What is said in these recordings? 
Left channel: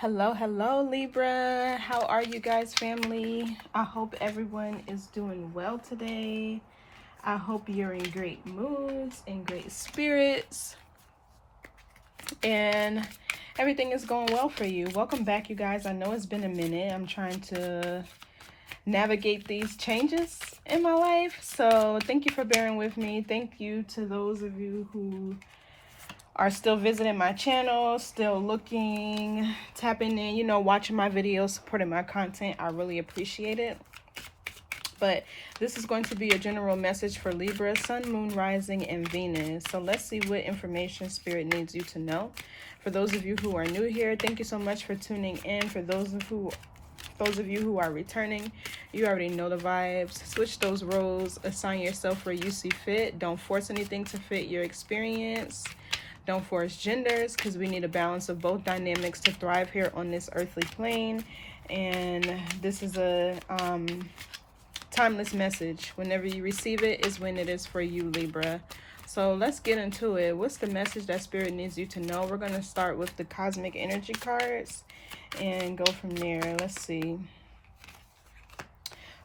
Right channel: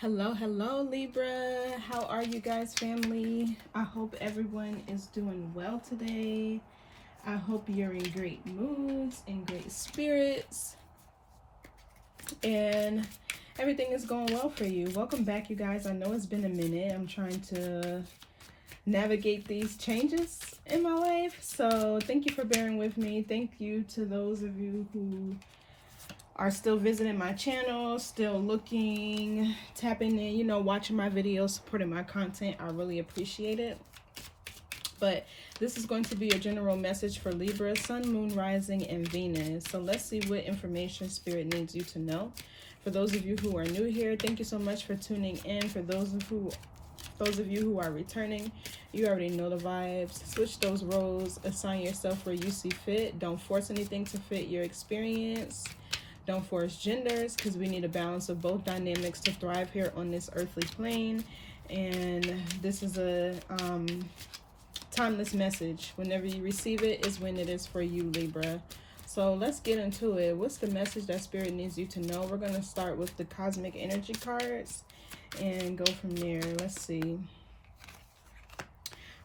Hello, Libra. How are you guys, family? I hope everyone is doing well today. I hope you're in great moods and great spirits, and everything is going well for you. Welcome back, you guys. I know it's been a minute. I'm trying to navigate these changes in my life, so thank you for bearing with me. Thank you to those of you who are still visiting my channel, still looking, tapping in, watching my videos, supporting my content. I really appreciate it. But this is going to be a general message for Libra, Sun, Moon, Rising, and Venus. So let's see what information Spirit needs you to know. For those of you who are new here, thank you so much for tuning in. For those of you who are returning, you already know the vibes. Switch those roles, assign yourself where you see fit. Don't force anything to fit your experience. Don't force genders, because we need a balance of both dynamics to thrive here on this earthly plane. And this is a timeless message. Whenever you receive it is when it is for you, Libra. So let's get into it. What's the message that Spirit needs you to know? We're going to start with the cosmic energy cards and go from there. Let's see.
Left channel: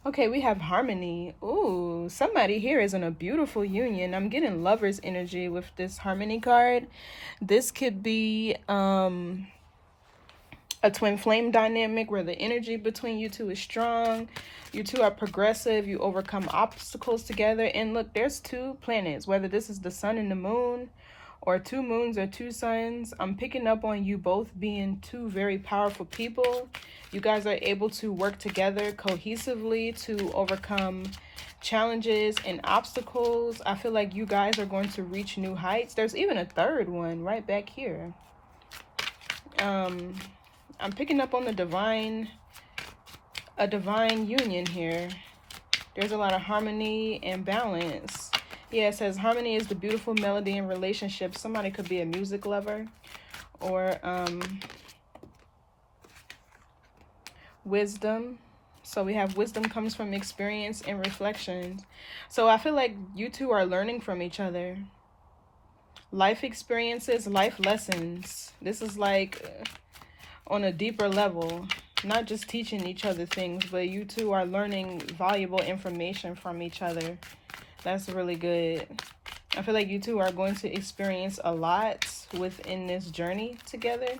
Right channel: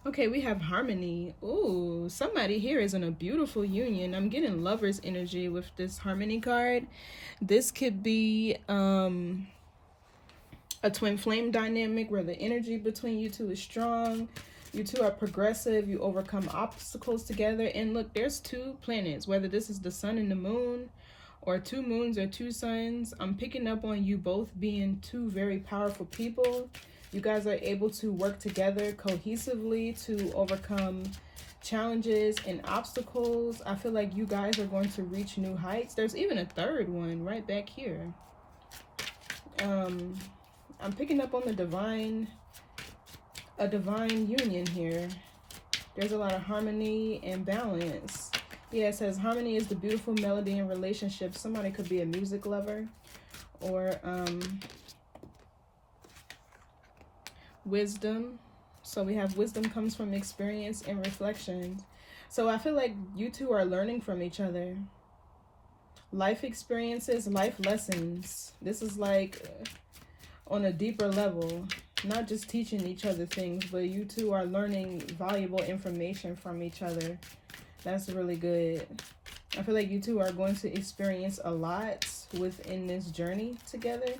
Okay, we have harmony. Ooh, somebody here is in a beautiful union. I'm getting lover's energy with this harmony card. This could be a twin flame dynamic where the energy between you two is strong. You two are progressive. You overcome obstacles together. And look, there's two planets, whether this is the sun and the moon or two moons or two suns. I'm picking up on you both being two very powerful people. You guys are able to work together cohesively to overcome challenges and obstacles. I feel like you guys are going to reach new heights. There's even a third one right back here. I'm picking up on a divine union here. There's a lot of harmony and balance. Yeah, it says harmony is the beautiful melody in relationships. Somebody could be a music lover or wisdom. So we have wisdom comes from experience and reflections. So I feel like you two are learning from each other. Life experiences, life lessons. This is like on a deeper level. Not just teaching each other things, but you two are learning valuable information from each other. That's really good. I feel like you two are going to experience a lot within this journey together.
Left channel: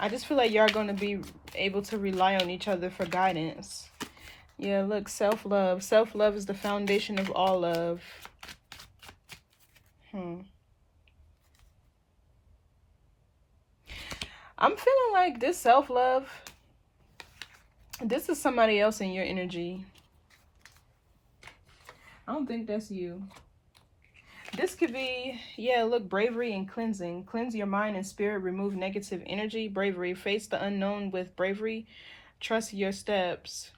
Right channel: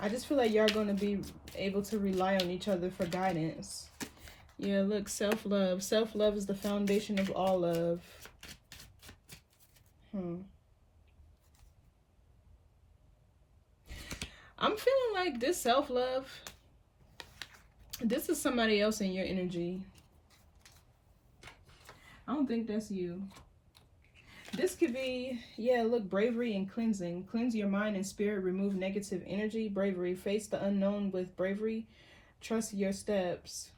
I just feel like y'all going to be able to rely on each other for guidance. Yeah, look, self-love. Self-love is the foundation of all love. I'm feeling like this self-love, this is somebody else in your energy. I don't think that's you. This could be, yeah, look, bravery and cleansing. Cleanse your mind and spirit. Remove negative energy. Bravery. Face the unknown with bravery. Trust your steps.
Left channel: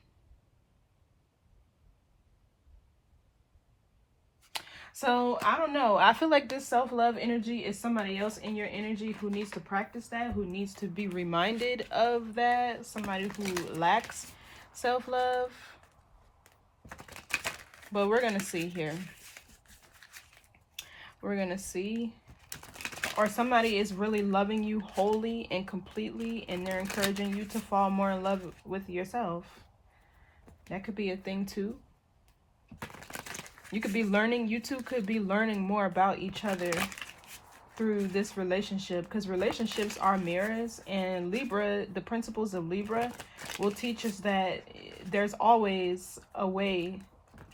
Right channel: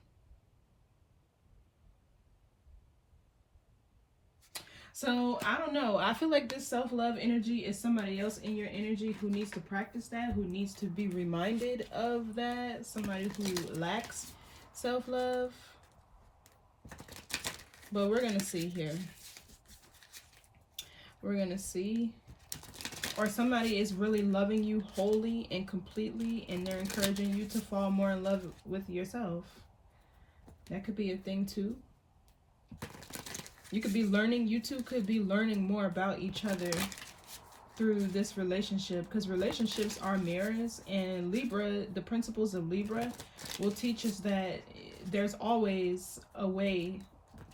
So, I don't know. I feel like this self-love energy is somebody else in your energy who needs to practice that, who needs to be reminded of that. Somebody who lacks self-love. But we're going to see here. We're going to see. Or somebody is really loving you wholly and completely, and they're encouraging you to fall more in love with yourself. That could be a thing too. You could be learning, you two could be learning more about each other through this relationship, because relationships are mirrors, and Libra, the principles of Libra will teach us that there's always a way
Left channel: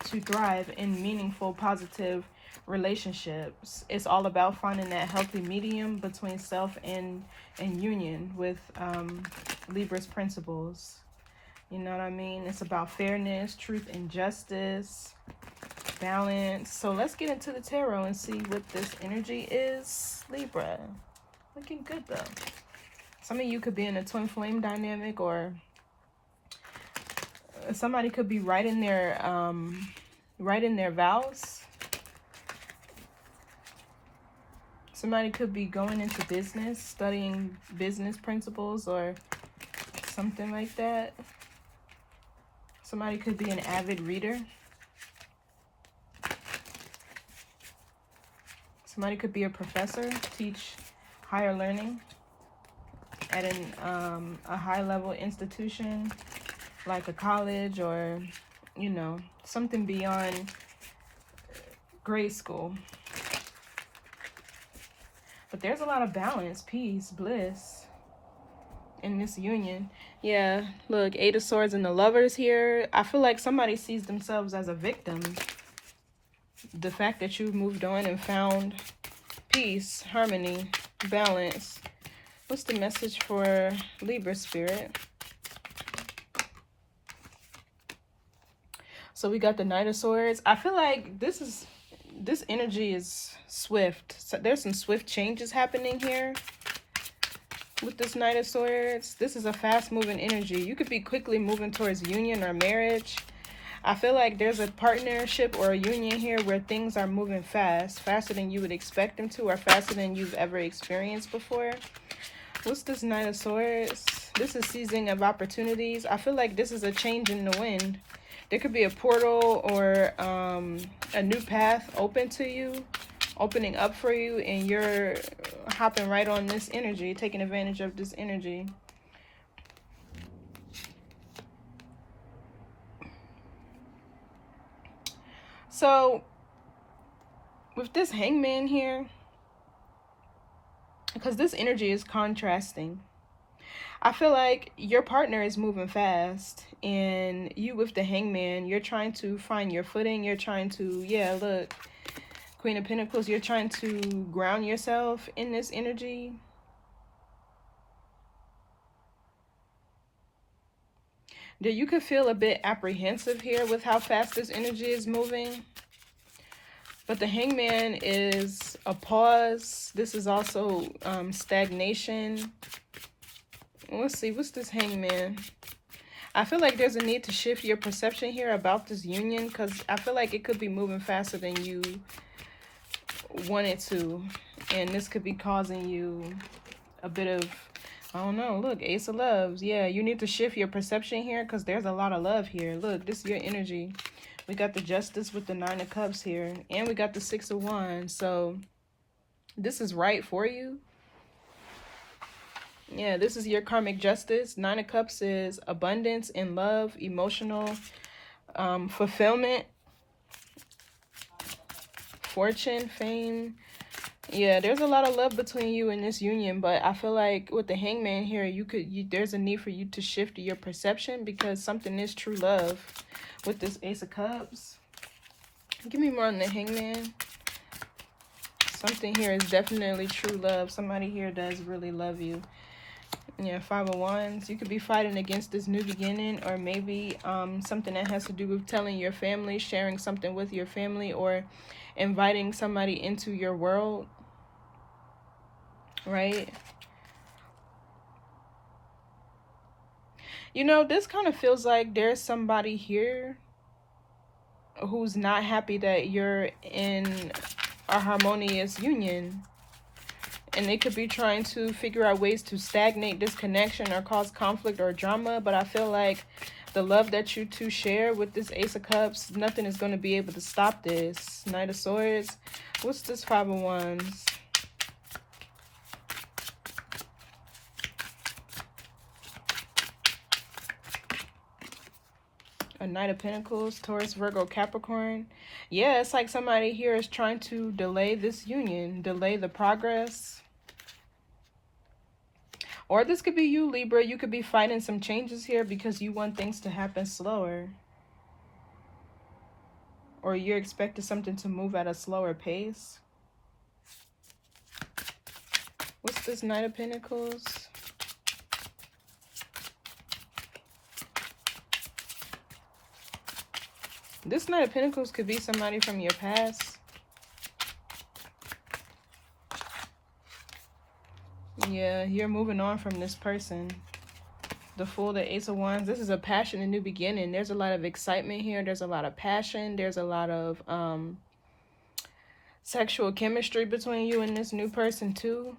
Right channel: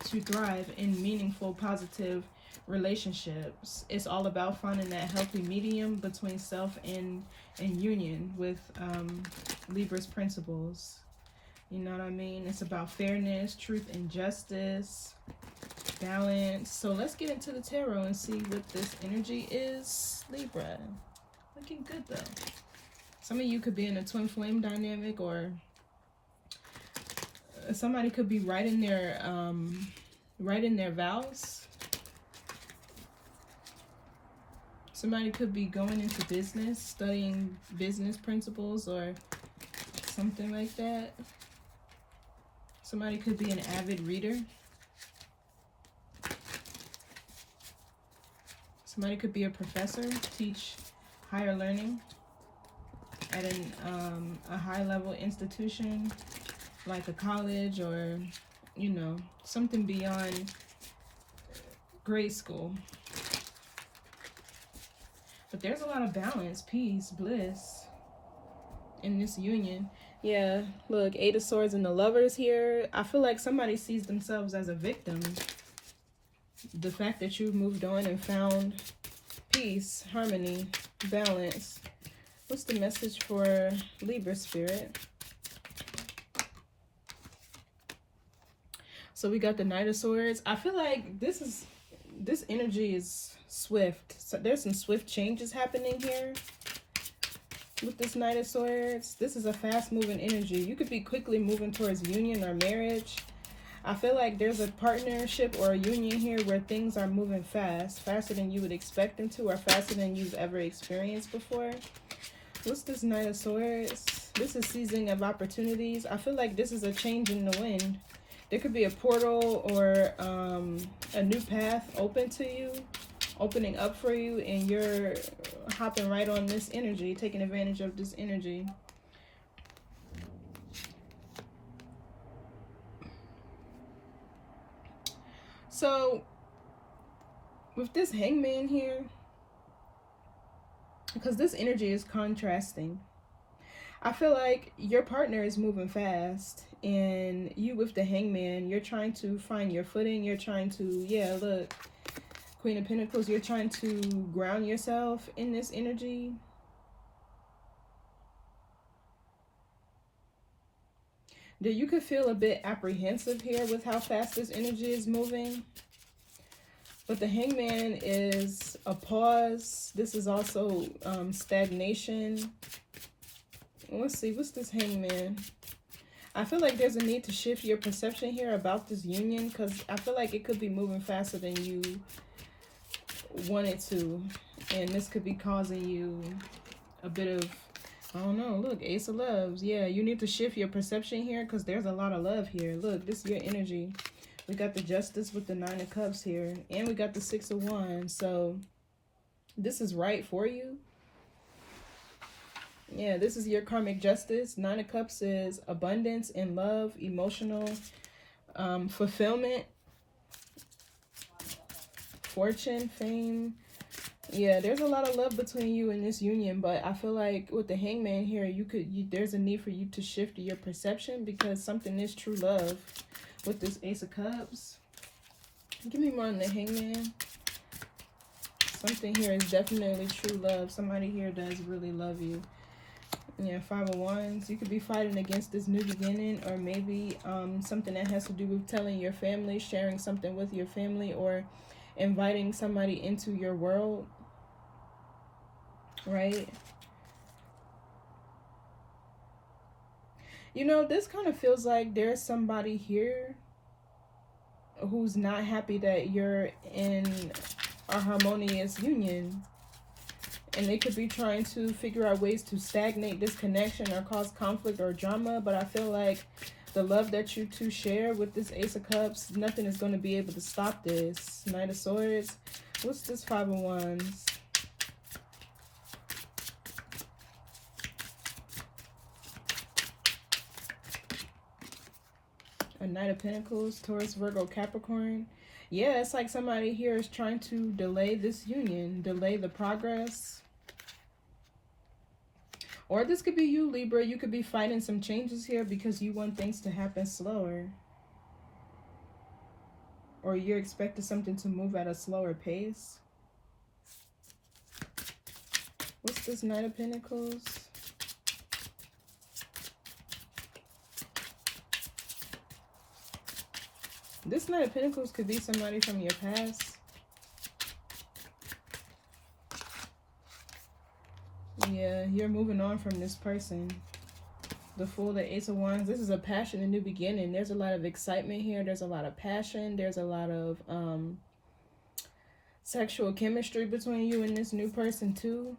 to thrive in meaningful, positive relationships. It's all about finding that healthy medium between self and union with Libra's principles. You know what I mean? It's about fairness, truth, and justice, balance. So let's get into the tarot and see what this energy is, Libra. Looking good though. Some of you could be in a twin flame dynamic, or somebody could be writing their vows. Somebody could be going into business, studying business principles or something like that. Somebody could be an avid reader. Somebody could be a professor, teach higher learning at a high level institution like a college, or you know, something beyond grade school. But there's a lot of balance, peace, bliss in this union. Yeah, look, Eight of Swords and the Lovers here. I feel like somebody sees themselves as a victim. The fact that you've moved on and found peace, harmony, balance. What's the message for Libra spirit? So we got the Knight of Swords. I feel like this energy is swift. So there's some swift changes happening here with this Knight of Swords. This is a fast-moving energy. You could be quickly moving towards union or marriage. I feel like there's a partnership or a union here where things are moving fast, faster than you would expect them to, or faster than you've ever experienced before. What's this Knight of Swords? This is seizing of opportunities. I feel like this is a change in the wind. There could be a portal or a new path open to you, opening up for you, and you're hopping right on this energy, taking advantage of this energy. So with this Hangman here, because this energy is contrasting, I feel like your partner is moving fast, and you with the Hangman, you're trying to find your footing. You're trying to, yeah, look, Queen of Pentacles, you're trying to ground yourself in this energy. You could feel a bit apprehensive here with how fast this energy is moving. But the Hangman is a pause. This is also stagnation. Let's see, what's this Hangman? I feel like there's a need to shift your perception here about this union, because I feel like it could be moving faster than you want it to. And this could be causing you a bit of, I don't know, look, Ace of Loves. Yeah, you need to shift your perception here because there's a lot of love here. Look, this is your energy. We got the Justice with the Nine of Cups here. And we got the Six of Wands. So this is right for you. Yeah, this is your karmic justice. Nine of Cups is abundance in love, emotional fulfillment, fortune, fame. Yeah, there's a lot of love between you and this union, but I feel like with the Hangman here, there's a need for you to shift your perception because something is true love with this Ace of Cups. Give me more on the Hangman. Something here is definitely true love. Somebody here does really love you. Yeah, Five of Wands. You could be fighting against this new beginning, or maybe something that has to do with telling your family, sharing something with your family, or inviting somebody into your world, right? You know, this kind of feels like there's somebody here who's not happy that you're in a harmonious union. And they could be trying to figure out ways to stagnate this connection or cause conflict or drama. But I feel like the love that you two share with this Ace of Cups, nothing is going to be able to stop this. Knight of Swords. What's this Five of Wands? A Knight of Pentacles, Taurus, Virgo, Capricorn. Yeah, it's like somebody here is trying to delay this union, delay the progress. Or this could be you, Libra. You could be fighting some changes here because you want things to happen slower. Or you're expecting something to move at a slower pace. What's this Knight of Pentacles? This Knight of Pentacles could be somebody from your past. Yeah, you're moving on from this person. The Fool, the Ace of Wands. This is a passion, a new beginning. There's a lot of excitement here. There's a lot of passion. There's a lot of sexual chemistry between you and this new person too.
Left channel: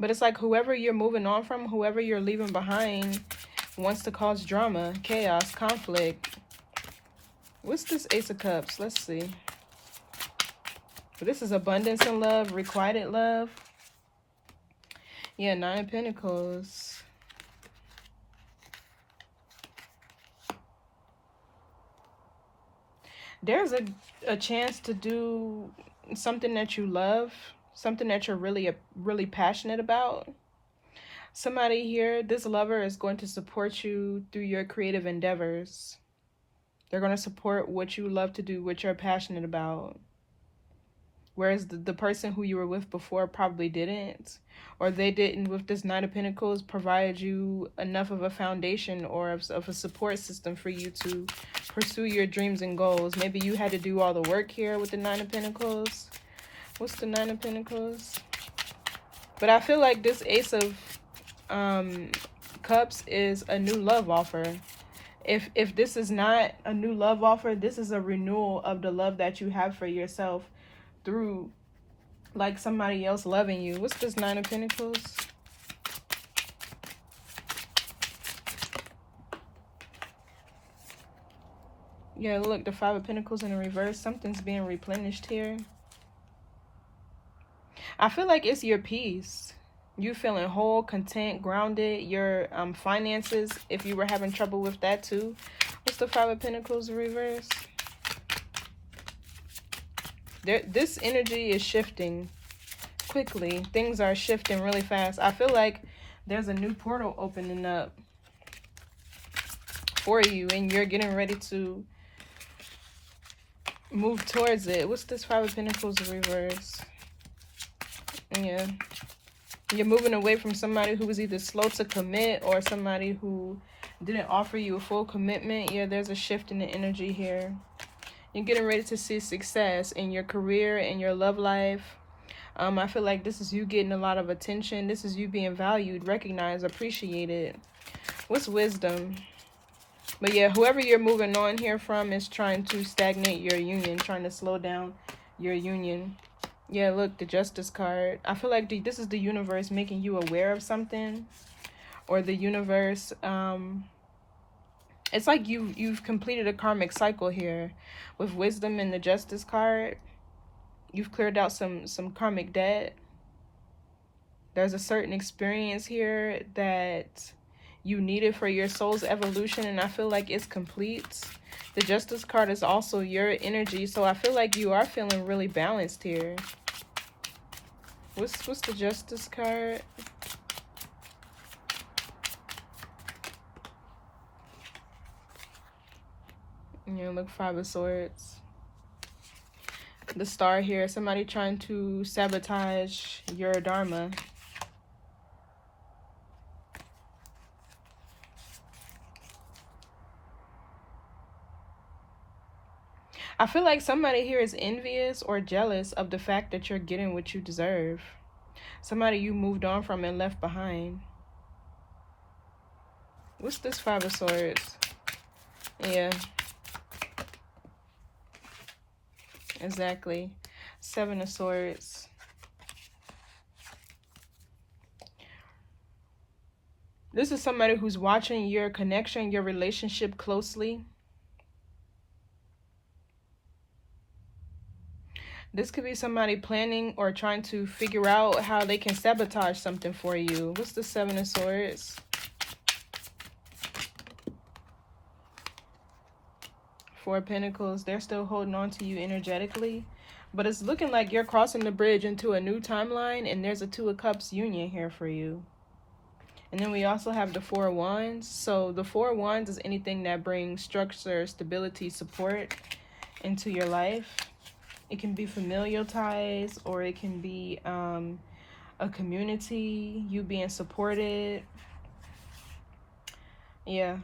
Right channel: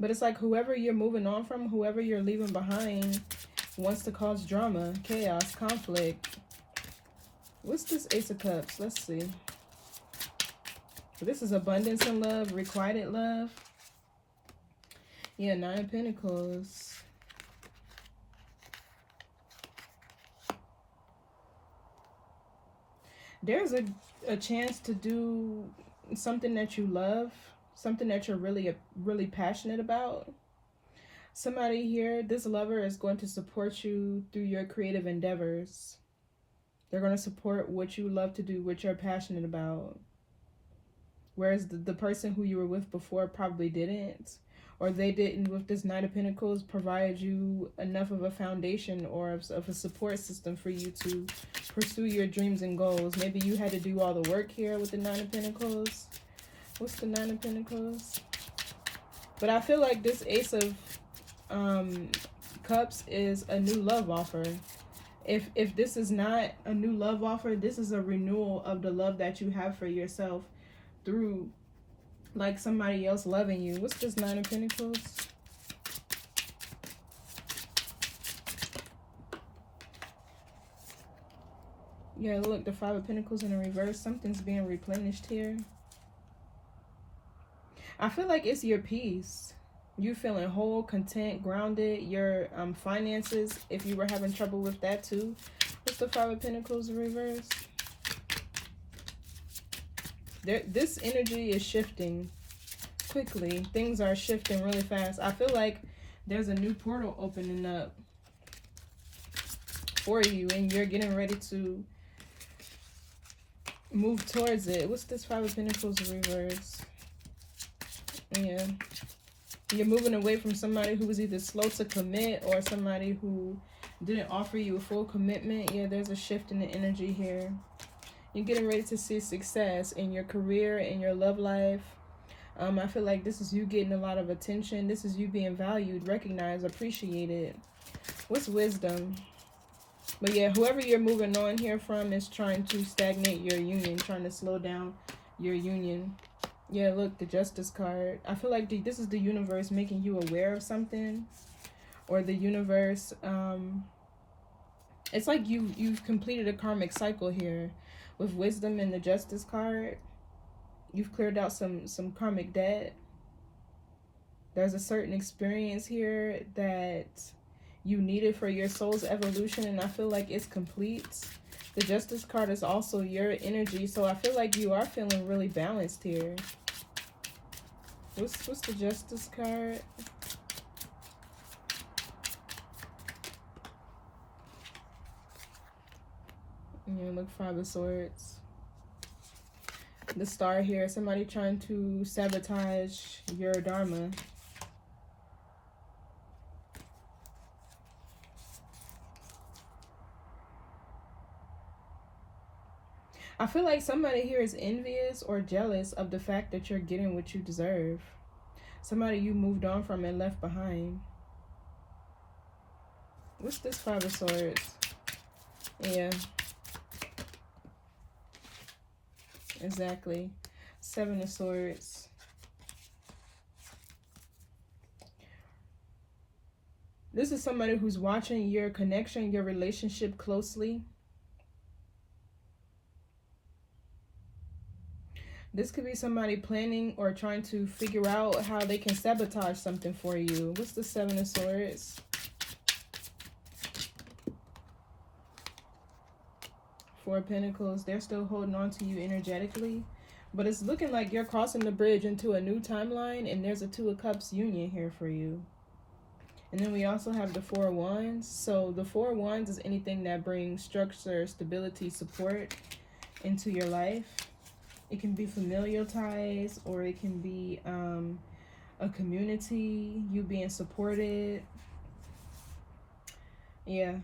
But it's like whoever you're moving on from, whoever you're leaving behind, wants to cause drama, chaos, conflict. What's this Ace of Cups? Let's see. This is abundance in love, requited love. Yeah, Nine of Pentacles. There's a chance to do something that you love, something that you're really passionate about. Somebody here, this lover is going to support you through your creative endeavors. They're going to support what you love to do, what you're passionate about. Whereas the person who you were with before probably didn't, or they didn't, with this Nine of Pentacles, provide you enough of a foundation or of a support system for you to pursue your dreams and goals. Maybe you had to do all the work here with the Nine of Pentacles. What's the Nine of Pentacles? But I feel like this Ace of Cups is a new love offer. If this is not a new love offer, this is a renewal of the love that you have for yourself through like somebody else loving you. What's this Nine of Pentacles? Yeah, look, the Five of Pentacles in the reverse. Something's being replenished here. I feel like it's your peace. You feeling whole, content, grounded. Your finances, if you were having trouble with that too. What's the Five of Pentacles in reverse? This energy is shifting quickly. Things are shifting really fast. I feel like there's a new portal opening up for you and you're getting ready to move towards it. What's this Five of Pentacles in reverse? Yeah. You're moving away from somebody who was either slow to commit or somebody who didn't offer you a full commitment. Yeah, there's a shift in the energy here. You're getting ready to see success in your career, in your love life. I feel like this is you getting a lot of attention. This is you being valued, recognized, appreciated. What's wisdom? But yeah, whoever you're moving on here from is trying to stagnate your union, trying to slow down your union. Yeah, look, the Justice card. I feel like this is the universe making you aware of something. Or the universe, it's like you've completed a karmic cycle here. With wisdom and the Justice card, you've cleared out some karmic debt. There's a certain experience here that you needed for your soul's evolution, and I feel like it's complete. The Justice card is also your energy, so I feel like you are feeling really balanced here. What's the Justice card? Yeah, look, Five of Swords. The Star here, somebody trying to sabotage your dharma. I feel like somebody here is envious or jealous of the fact that you're getting what you deserve. Somebody you moved on from and left behind. What's this Five of Swords? Yeah. Exactly. Seven of Swords. This is somebody who's watching your connection, your relationship closely. This could be somebody planning or trying to figure out how they can sabotage something for you. What's the Seven of Swords? Four of Pentacles. They're still holding on to you energetically. But it's looking like you're crossing the bridge into a new timeline. And there's a Two of Cups union here for you. And then we also have the Four of Wands. So the Four of Wands is anything that brings structure, stability, support into your life. It can be familial ties, or it can be a community, you being supported. Yeah.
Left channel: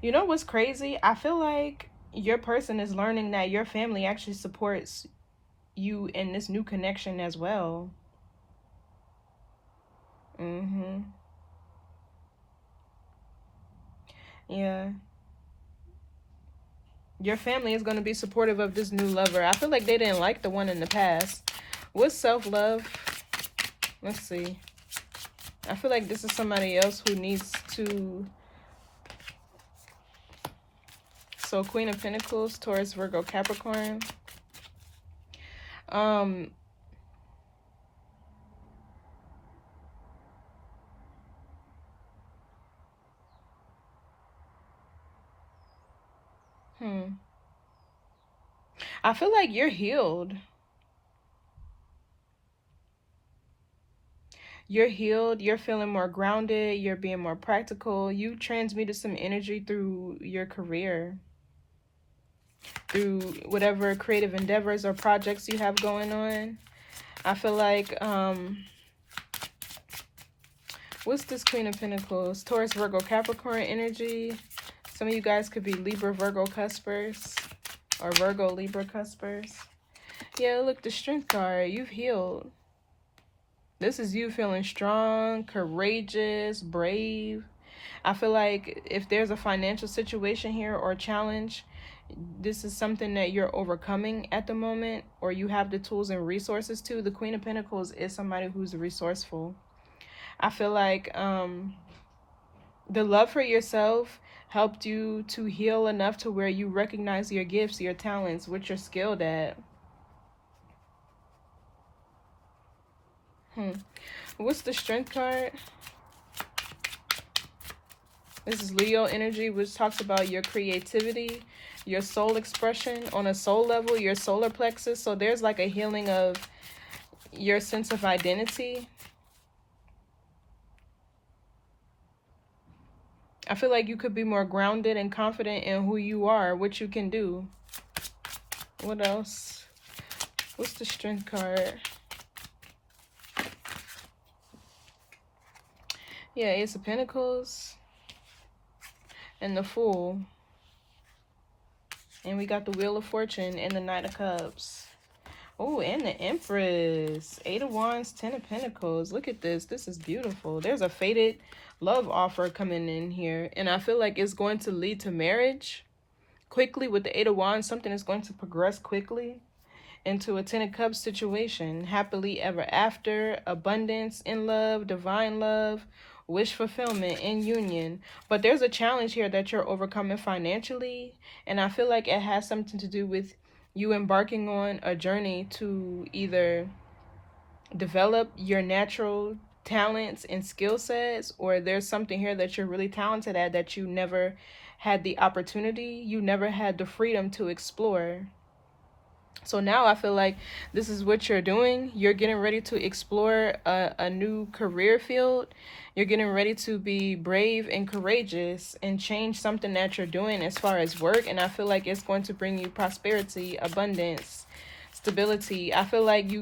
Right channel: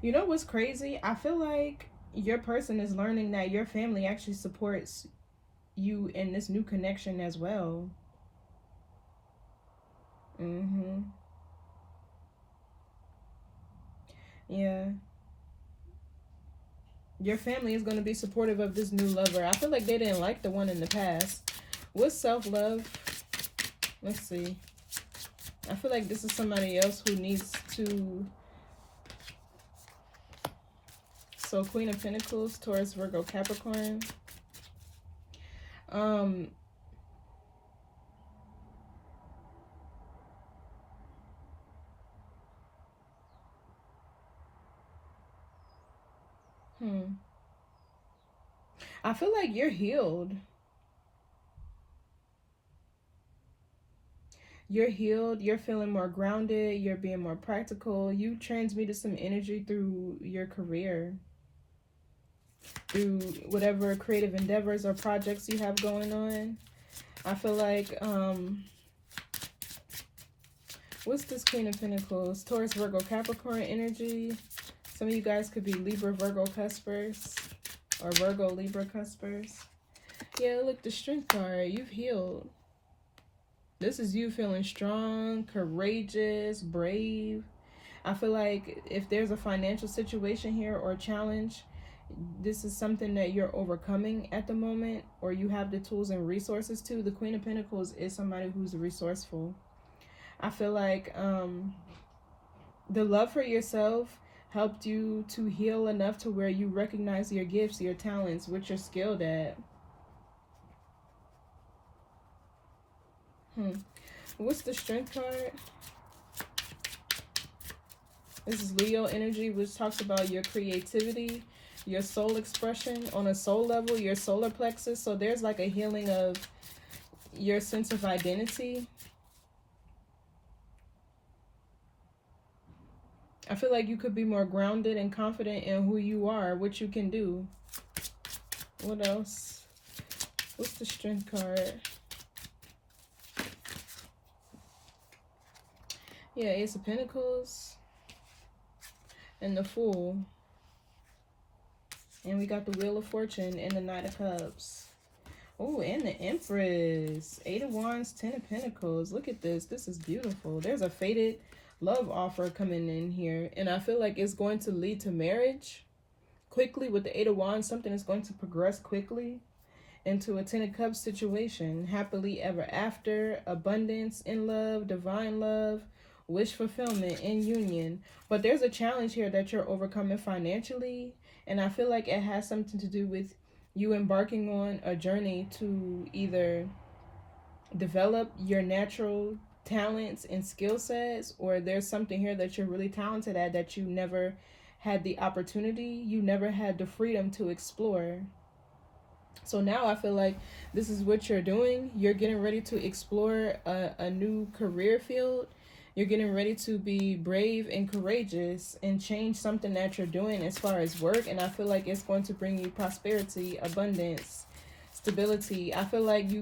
You know what's crazy? I feel like your person is learning that your family actually supports you in this new connection as well. Yeah. Your family is going to be supportive of this new lover. I feel like they didn't like the one in the past. What's self-love? Let's see. I feel like this is somebody else who needs to... So Queen of Pentacles, Taurus, Virgo, Capricorn. I feel like you're healed. You're healed. You're feeling more grounded. You're being more practical. You transmuted some energy through your career, through whatever creative endeavors or projects you have going on. I feel like, what's this Queen of Pentacles? Taurus, Virgo, Capricorn energy. Some of you guys could be Libra, Virgo cuspers, or Virgo, Libra cuspers. Yeah, look, the Strength card. You've healed. This is you feeling strong, courageous, brave. I feel like if there's a financial situation here or challenge, this is something that you're overcoming at the moment, or you have the tools and resources to. The Queen of Pentacles is somebody who's resourceful. I feel like the love for yourself helped you to heal enough to where you recognize your gifts, your talents, what you're skilled at. What's the Strength card? This is Leo energy, which talks about your creativity, your soul expression on a soul level, your solar plexus. So there's like a healing of your sense of identity. I feel like you could be more grounded and confident in who you are, what you can do. What else? What's the Strength card? Yeah, Ace of Pentacles and the Fool. And we got the Wheel of Fortune and the Knight of Cups. Oh, and the Empress. 8 of Wands, 10 of Pentacles. Look at this. This is beautiful. There's a fated love offer coming in here. And I feel like it's going to lead to marriage quickly with the 8 of Wands. Something is going to progress quickly into a 10 of Cups situation. Happily ever after. Abundance in love. Divine love. Wish fulfillment and union. But there's a challenge here that you're overcoming financially. And I feel like it has something to do with you embarking on a journey to either develop your natural talents and skill sets, or there's something here that you're really talented at that you never had the opportunity, you never had the freedom to explore. So now I feel like this is what you're doing. You're getting ready to explore a new career field. You're getting ready to be brave and courageous and change something that you're doing as far as work. And I feel like it's going to bring you prosperity, abundance, stability. I feel like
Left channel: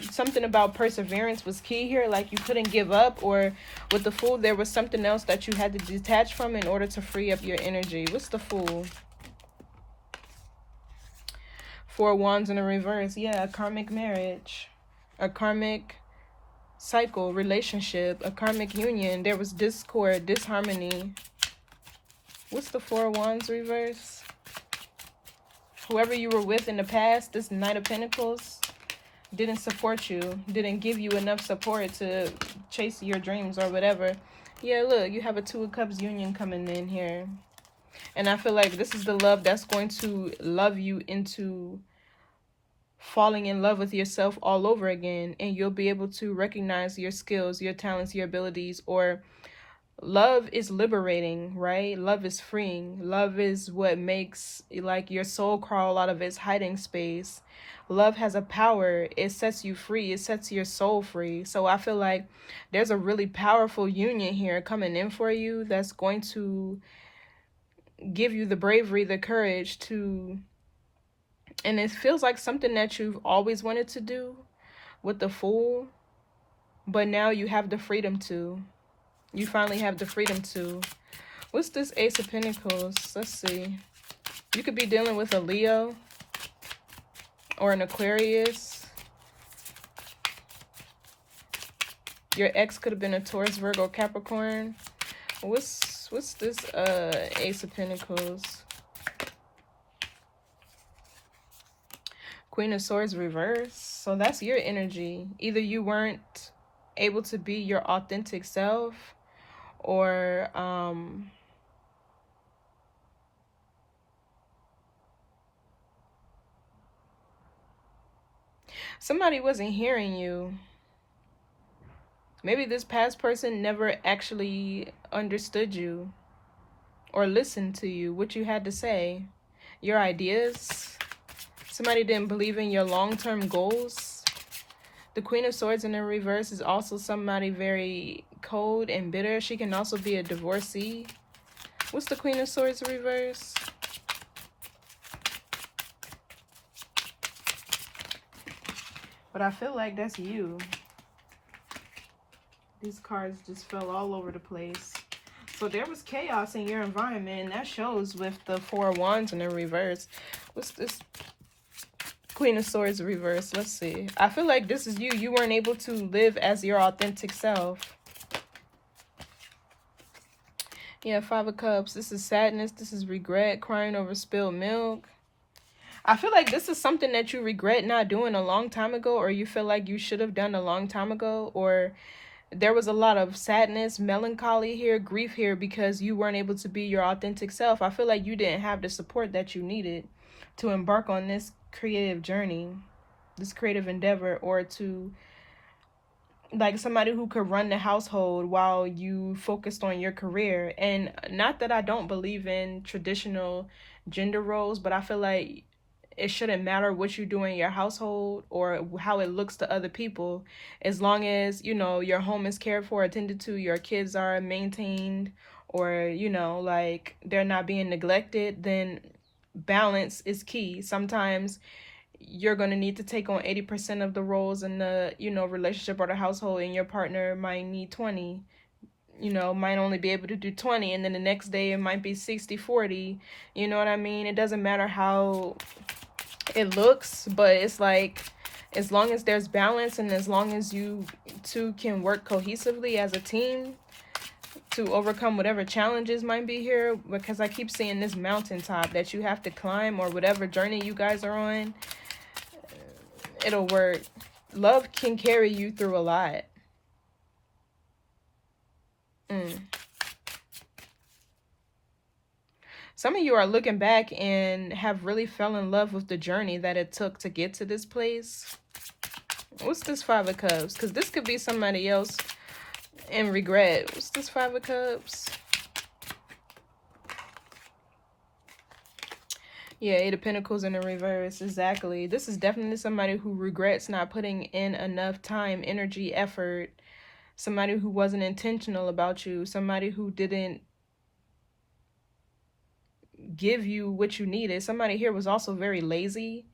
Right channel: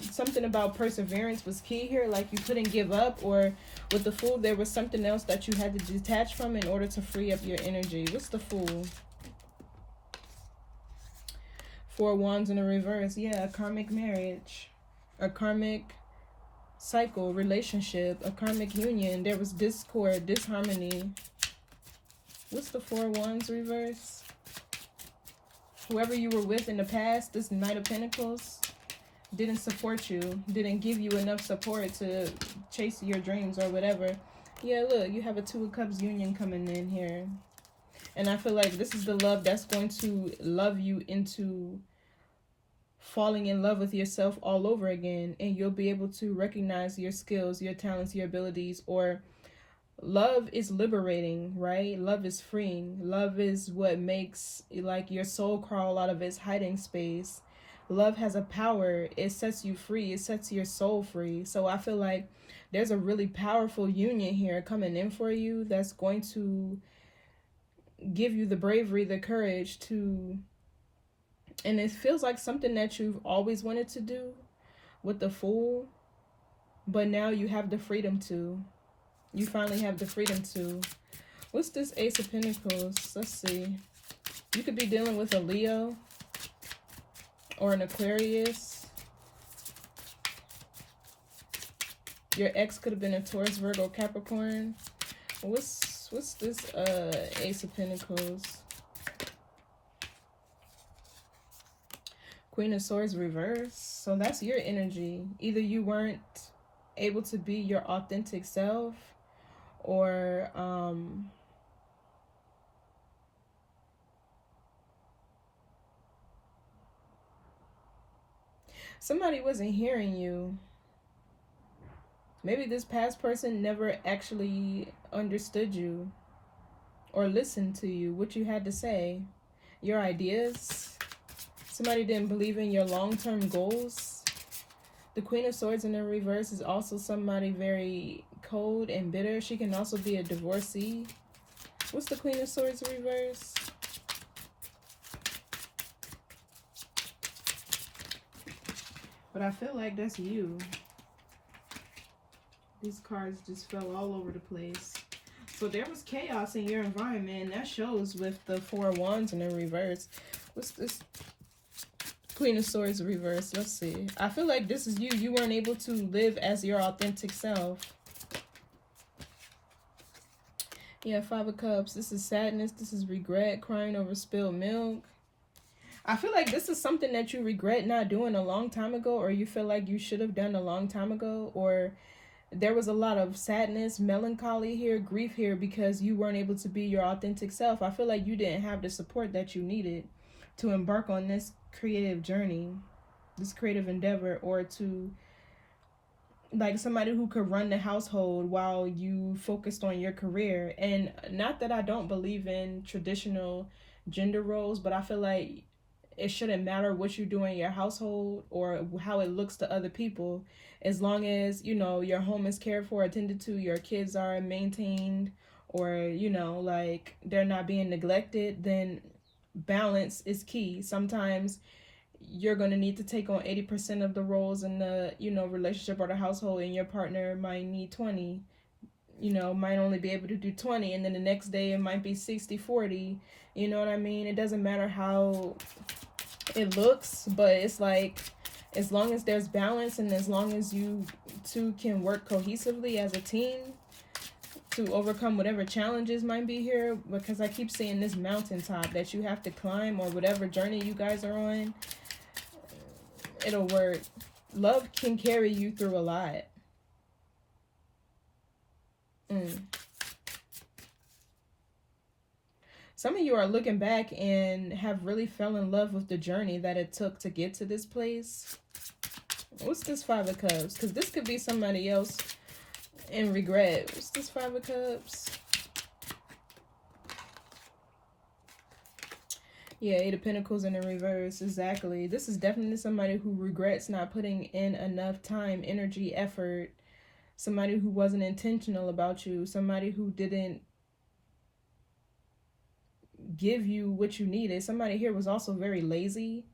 something about perseverance was key here. Like you couldn't give up, or with the Fool, there was something else that you had to detach from in order to free up your energy. What's the Fool? 4 Wands in the reverse. Yeah, a karmic marriage, a karmic cycle, relationship, a karmic union. There was discord, disharmony. What's the 4 Wands reverse? Whoever you were with in the past, this Knight of Pentacles, didn't support you, didn't give you enough support to chase your dreams or whatever. Yeah, look, you have a 2 of Cups union coming in here. And I feel like this is the love that's going to love you into falling in love with yourself all over again. And you'll be able to recognize your skills, your talents, your abilities. Or love is liberating, right? Love is freeing. Love is what makes like your soul crawl out of its hiding space. Love has a power. It sets you free. It sets your soul free. So I feel like there's a really powerful union here coming in for you that's going to give you the bravery, the courage to, and it feels like something that you've always wanted to do with the Fool, but now you have the freedom to. You finally have the freedom to. What's this Ace of Pentacles? Let's see. You could be dealing with a Leo or an Aquarius. Your ex could have been a Taurus, Virgo, Capricorn. What's this Ace of Pentacles? Queen of Swords reverse. So that's your energy. Either you weren't able to be your authentic self, or somebody wasn't hearing you. Maybe this past person never actually understood you or listened to you, what you had to say, your ideas. Somebody didn't believe in your long-term goals. The Queen of Swords in the reverse is also somebody very cold and bitter. She can also be a divorcee. What's the Queen of Swords reverse? But I feel like that's you. These cards just fell all over the place. So there was chaos in your environment, and that shows with the Four of Wands in the reverse. What's this? Queen of Swords reverse. Let's see. I feel like this is you. You weren't able to live as your authentic self. Yeah, Five of Cups. This is sadness. This is regret. Crying over spilled milk. I feel like this is something that you regret not doing a long time ago, or you feel like you should have done a long time ago, or there was a lot of sadness, melancholy here, grief here, because you weren't able to be your authentic self. I feel like you didn't have the support that you needed to embark on this creative journey, this creative endeavor, or to, like, somebody who could run the household while you focused on your career. And not that I don't believe in traditional gender roles, but I feel like it shouldn't matter what you do in your household or how it looks to other people, as long as, you know, your home is cared for, attended to, your kids are maintained, or, you know, like, they're not being neglected, then balance is key. Sometimes you're going to need to take on 80% of the roles in the, you know, relationship or the household, and your partner might need 20, you know, might only be able to do 20, and then the next day it might be 60-40. You know what I mean? It doesn't matter how it looks, but it's like, as long as there's balance and as long as you two can work cohesively as a team to overcome whatever challenges might be here, because I keep seeing this mountaintop that you have to climb, or whatever journey you guys are on, it'll work. Love can carry you through a lot. Some of you are looking back and have really fell in love with the journey that it took to get to this place. What's this Five of Cups? Because this could be somebody else in regret. What's this Five of Cups? Yeah, Eight of Pentacles in the reverse. Exactly. This is definitely somebody who regrets not putting in enough time, energy, effort. Somebody who wasn't intentional about you. Somebody who didn't give you what you needed. Somebody here was also very lazy.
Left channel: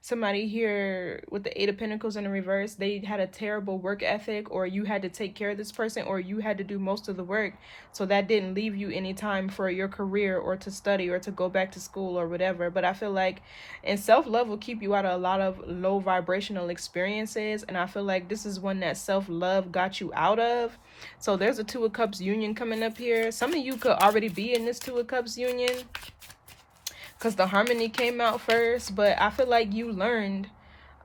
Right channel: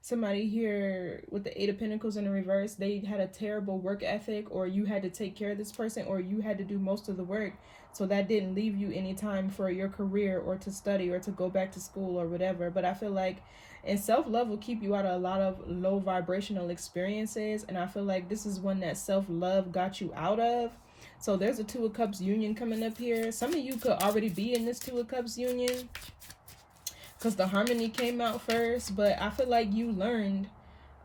Somebody here with the Eight of Pentacles in the reverse, they had a terrible work ethic, or you had to take care of this person, or you had to do most of the work, so that didn't leave you any time for your career or to study or to go back to school or whatever. But I feel like, and self-love will keep you out of a lot of low vibrational experiences, and I feel like this is one that self-love got you out of. So there's a Two of Cups union coming up here. Some of you could already be in this Two of Cups union, because the harmony came out first, but I feel like you learned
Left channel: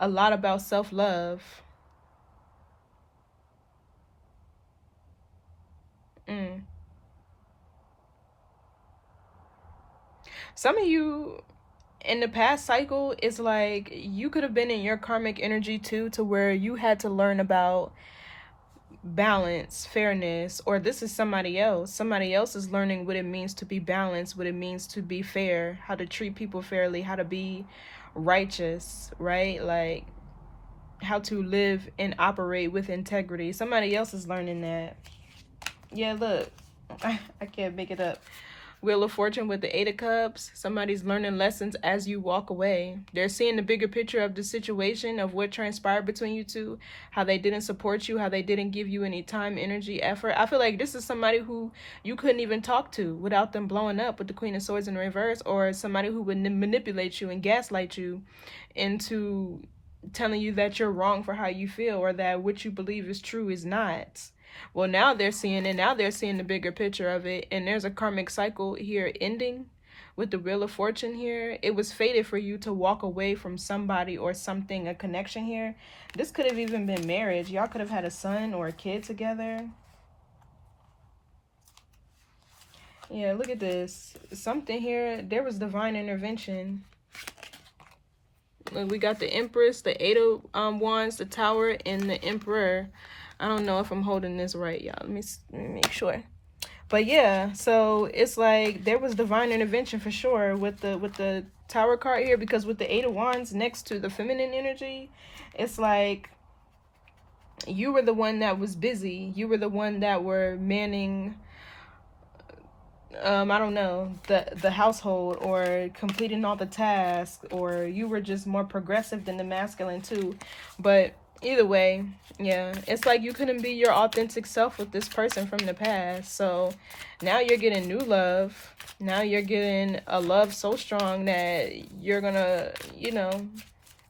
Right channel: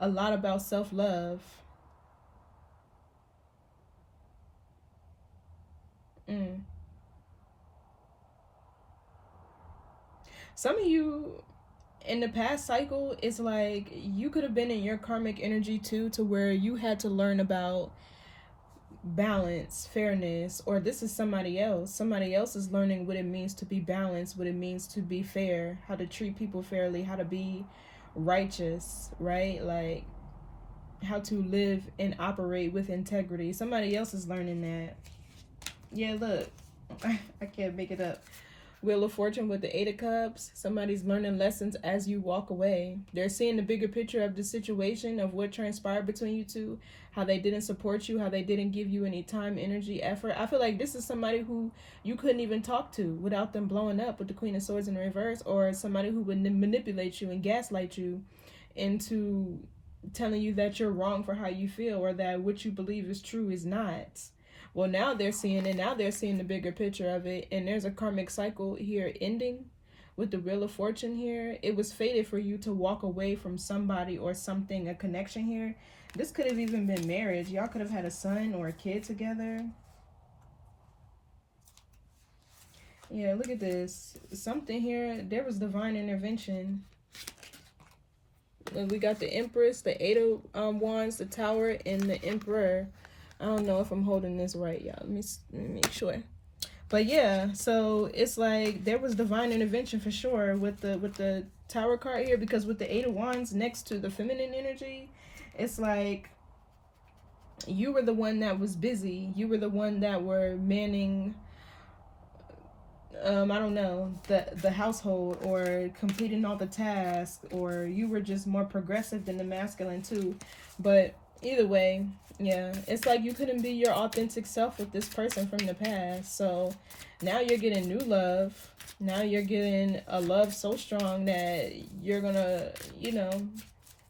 a lot about self-love. Some of you in the past cycle, it's like you could have been in your karmic energy too, to where you had to learn about balance, fairness, or this is somebody else. Somebody else is learning what it means to be balanced, what it means to be fair, how to treat people fairly, how to be righteous, right? Like, how to live and operate with integrity. Somebody else is learning that. Yeah, look. I can't make it up. Wheel of Fortune with the Eight of Cups. Somebody's learning lessons as you walk away. They're seeing the bigger picture of the situation, of what transpired between you two, how they didn't support you, how they didn't give you any time, energy, effort. I feel like this is somebody who you couldn't even talk to without them blowing up with the Queen of Swords in reverse, or somebody who would manipulate you and gaslight you into telling you that you're wrong for how you feel, or that what you believe is true is not. Well, now they're seeing it. Now they're seeing the bigger picture of it. And there's a karmic cycle here ending with the Wheel of Fortune here. It was fated for you to walk away from somebody or something, a connection here. This could have even been marriage. Y'all could have had a son or a kid together. Yeah, look at this. Something here. There was divine intervention. We got the Empress, the Eight of Wands, the Tower, and the Emperor. I don't know if I'm holding this right, y'all. Let me make sure. But yeah, so it's like there was divine intervention for sure with the Tower card here, because with the Eight of Wands next to the feminine energy, it's like you were the one that was busy. You were the one that were manning, I don't know, the household, or completing all the tasks, or you were just more progressive than the masculine too. But either way, yeah, it's like you couldn't be your authentic self with this person from the past. So now you're getting new love. Now you're getting a love so strong that you're gonna, you know,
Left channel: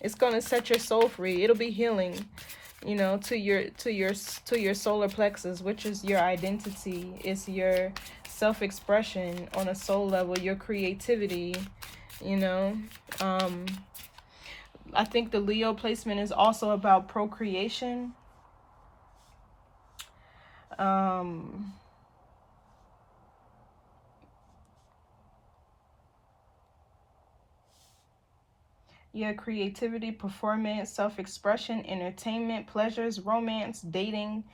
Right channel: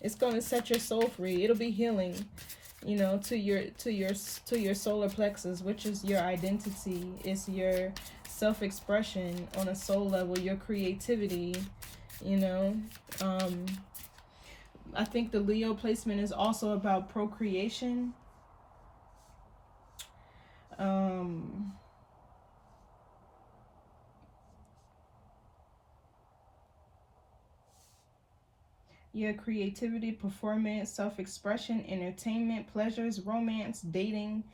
it's gonna set your soul free. It'll be healing, you know, to your solar plexus, which is your identity. It's your self-expression on a soul level, your creativity, you know. I think the Leo placement is also about procreation. Yeah, creativity, performance, self-expression, entertainment, pleasures, romance, dating,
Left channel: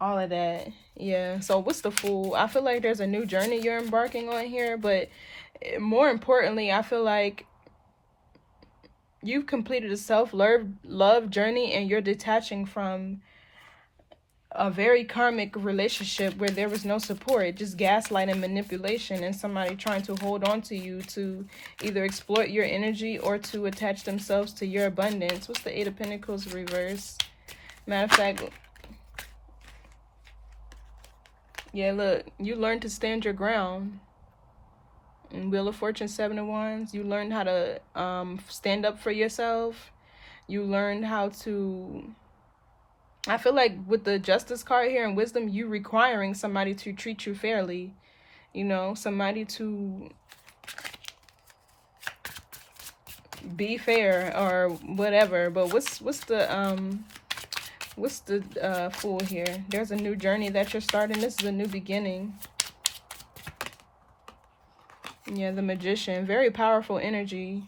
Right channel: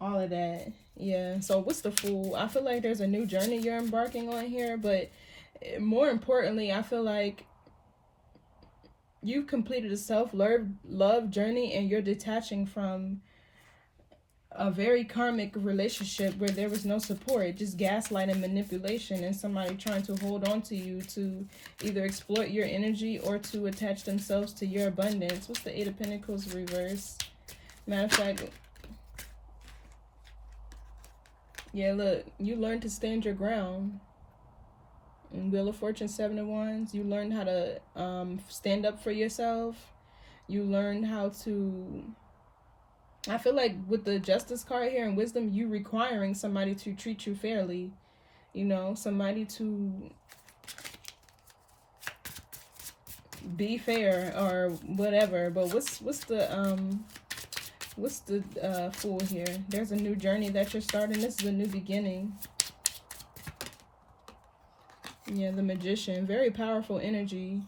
all of that. Yeah. So what's the Fool? I feel like there's a new journey you're embarking on here, but more importantly, I feel like you've completed a self-love journey, and you're detaching from a very karmic relationship where there was no support, just gaslight and manipulation, and somebody trying to hold on to you to either exploit your energy or to attach themselves to your abundance. What's the Eight of Pentacles reverse? Matter of fact, yeah, look, you learned to stand your ground. In Wheel of Fortune, Seven of Wands, you learned how to stand up for yourself. You learned how to, I feel like with the Justice card here and Wisdom, you requiring somebody to treat you fairly, you know, somebody to be fair or whatever. But what's the Fool here? There's a new journey that you're starting. This is a new beginning. Yeah, the Magician, very powerful energy.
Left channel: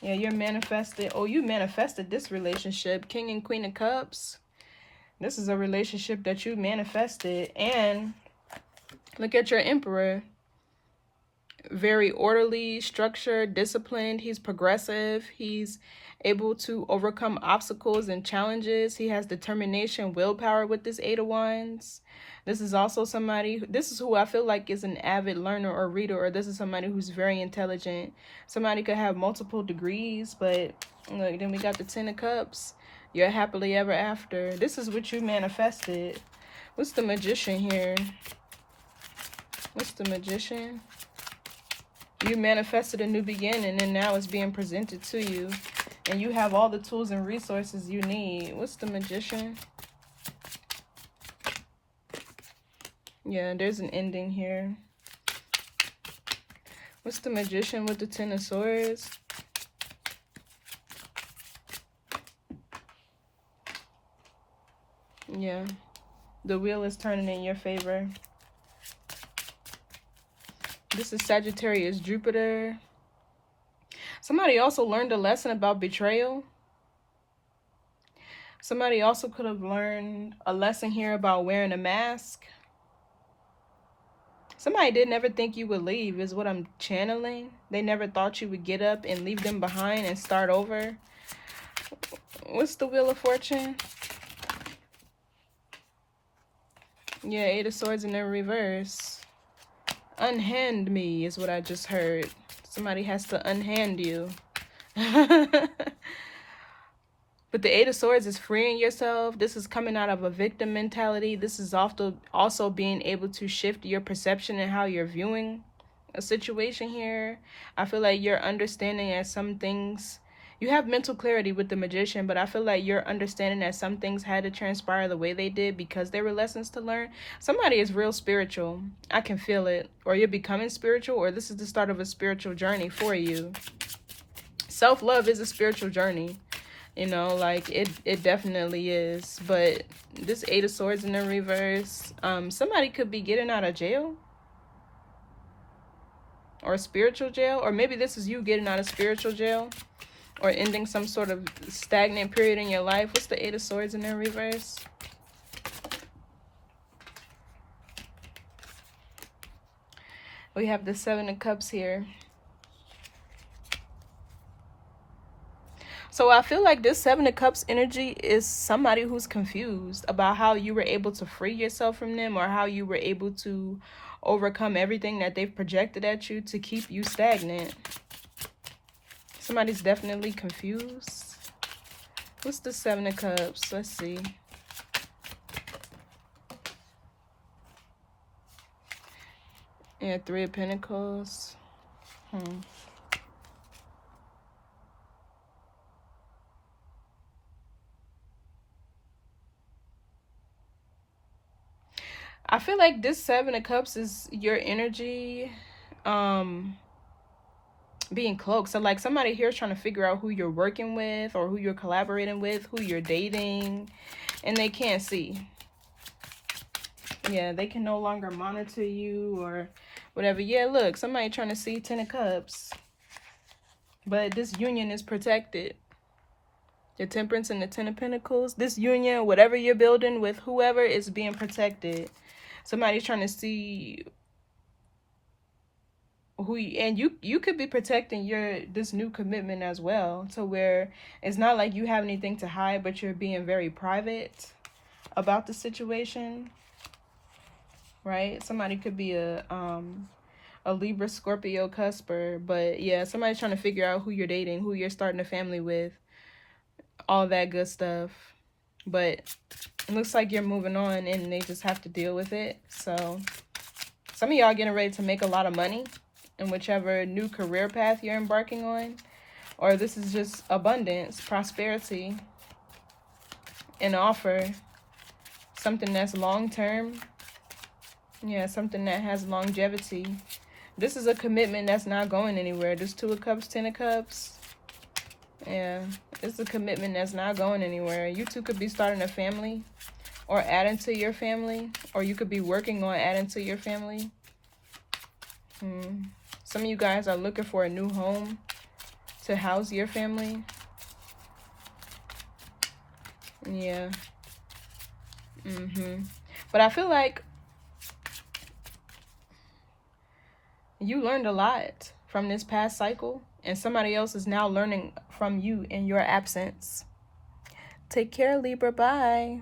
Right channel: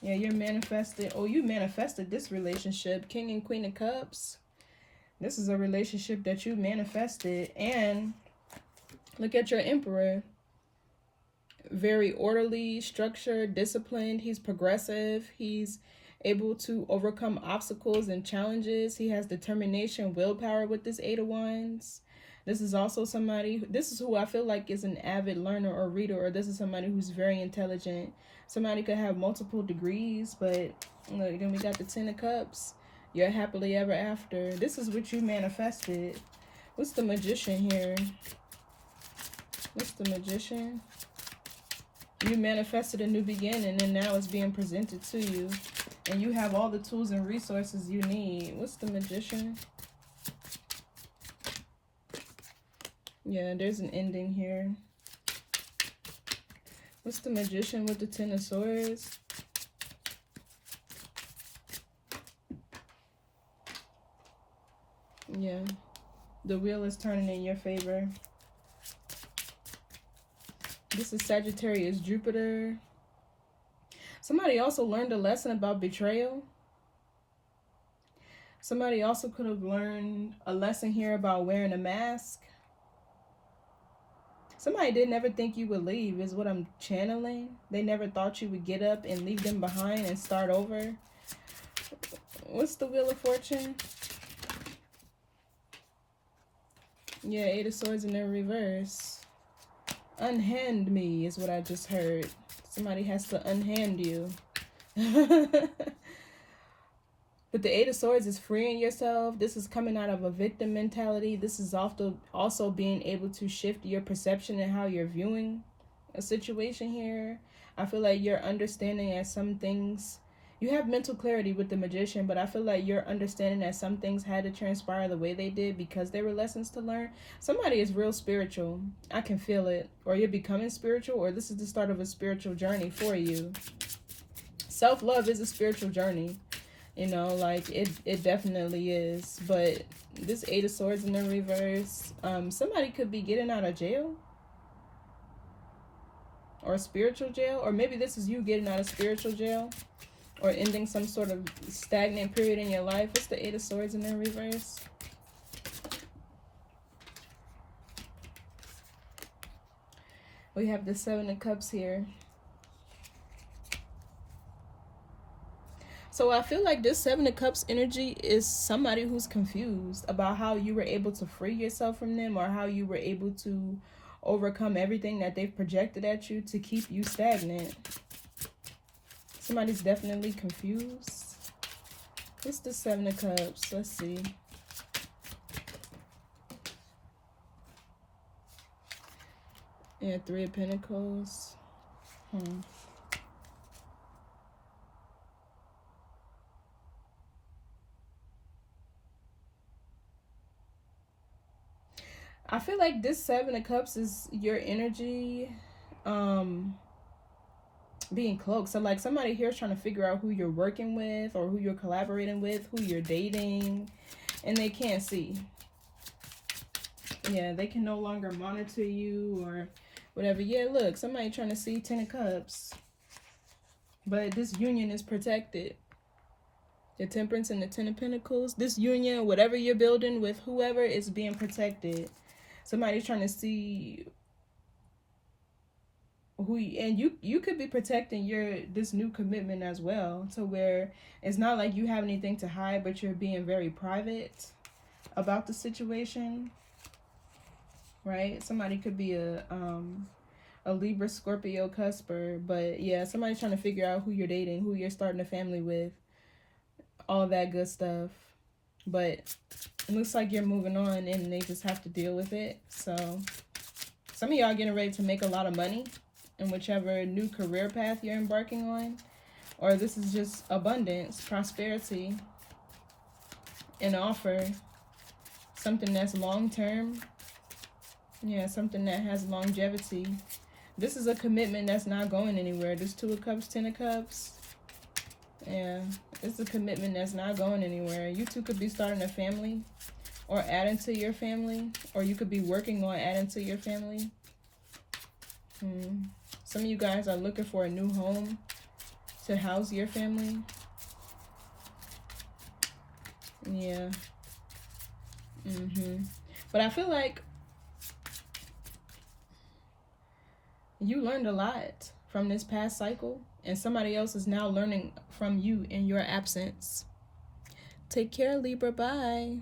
Yeah, you're manifested. Oh, you manifested this relationship. King and Queen of Cups. This is a relationship that you manifested. And look at your Emperor. Very orderly, structured, disciplined. He's progressive. He's able to overcome obstacles and challenges. He has determination, willpower with this Eight of Wands. This is also somebody, this is who I feel like is an avid learner or reader, or this is somebody who's very intelligent. Somebody could have multiple degrees, but look, then we got the Ten of Cups. You're happily ever after. This is what you manifested. What's the Magician here? What's the Magician? You manifested a new beginning, and now it's being presented to you. And you have all the tools and resources you need. What's the Magician? Yeah, there's an ending here. What's the Magician with the Ten of Swords? Yeah, the wheel is turning in your favor. This is Sagittarius, Jupiter. Somebody also learned a lesson about betrayal. Somebody also could have learned a lesson here about wearing a mask. Somebody did never think you would leave is what I'm channeling. They never thought you would get up and leave them behind and start over. What's the Wheel of Fortune? Yeah, Eight of Swords in the reverse. Unhand me is what I just heard. Somebody has to unhand you. But the Eight of Swords is freeing yourself. This is coming out of a victim mentality. This is also being able to shift your perception and how you're viewing a situation here. I feel like you're understanding that some things, you have mental clarity with the Magician, but I feel like you're understanding that some things had to transpire the way they did because there were lessons to learn. Somebody is real spiritual. I can feel it. Or you're becoming spiritual, or this is the start of a spiritual journey for you. Self-love is a spiritual journey. You know, like it definitely is. But this Eight of Swords in the reverse, somebody could be getting out of jail or spiritual jail, or maybe this is you getting out of spiritual jail or ending some sort of stagnant period in your life. What's the Eight of Swords in the reverse? We have the Seven of Cups here. So I feel like this Seven of Cups energy is somebody who's confused about how you were able to free yourself from them, or how you were able to overcome everything that they've projected at you to keep you stagnant. Somebody's definitely confused. What's the Seven of Cups? Let's see. Yeah, Three of Pentacles. I feel like this Seven of Cups is your energy being cloaked. So like somebody here is trying to figure out who you're working with, or who you're collaborating with, who you're dating, and they can't see. Yeah, they can no longer monitor you or whatever. Yeah, look, somebody trying to see 10 of Cups. But this union is protected. The Temperance and the 10 of Pentacles. This union, whatever you're building with whoever, is being protected. Somebody's trying to see who you, and you could be protecting this new commitment as well, to where it's not like you have anything to hide, but you're being very private about the situation, right? Somebody could be a Libra, Scorpio, cusper, but yeah, somebody's trying to figure out who you're dating, who you're starting a family with, all that good stuff. But it looks like you're moving on and they just have to deal with it. So some of y'all getting ready to make a lot of money in whichever new career path you're embarking on. Or this is just abundance, prosperity, an offer, something that's long-term. Yeah, something that has longevity. This is a commitment that's not going anywhere. This Two of Cups, 10 of Cups. Yeah, it's a commitment that's not going anywhere. You two could be starting a family or adding to your family, or you could be working on adding to your family. Some of you guys are looking for a new home to house your family. Yeah. But I feel like you learned a lot from this past cycle, and somebody else is now learning from you in your absence. Take care, Libra. Bye.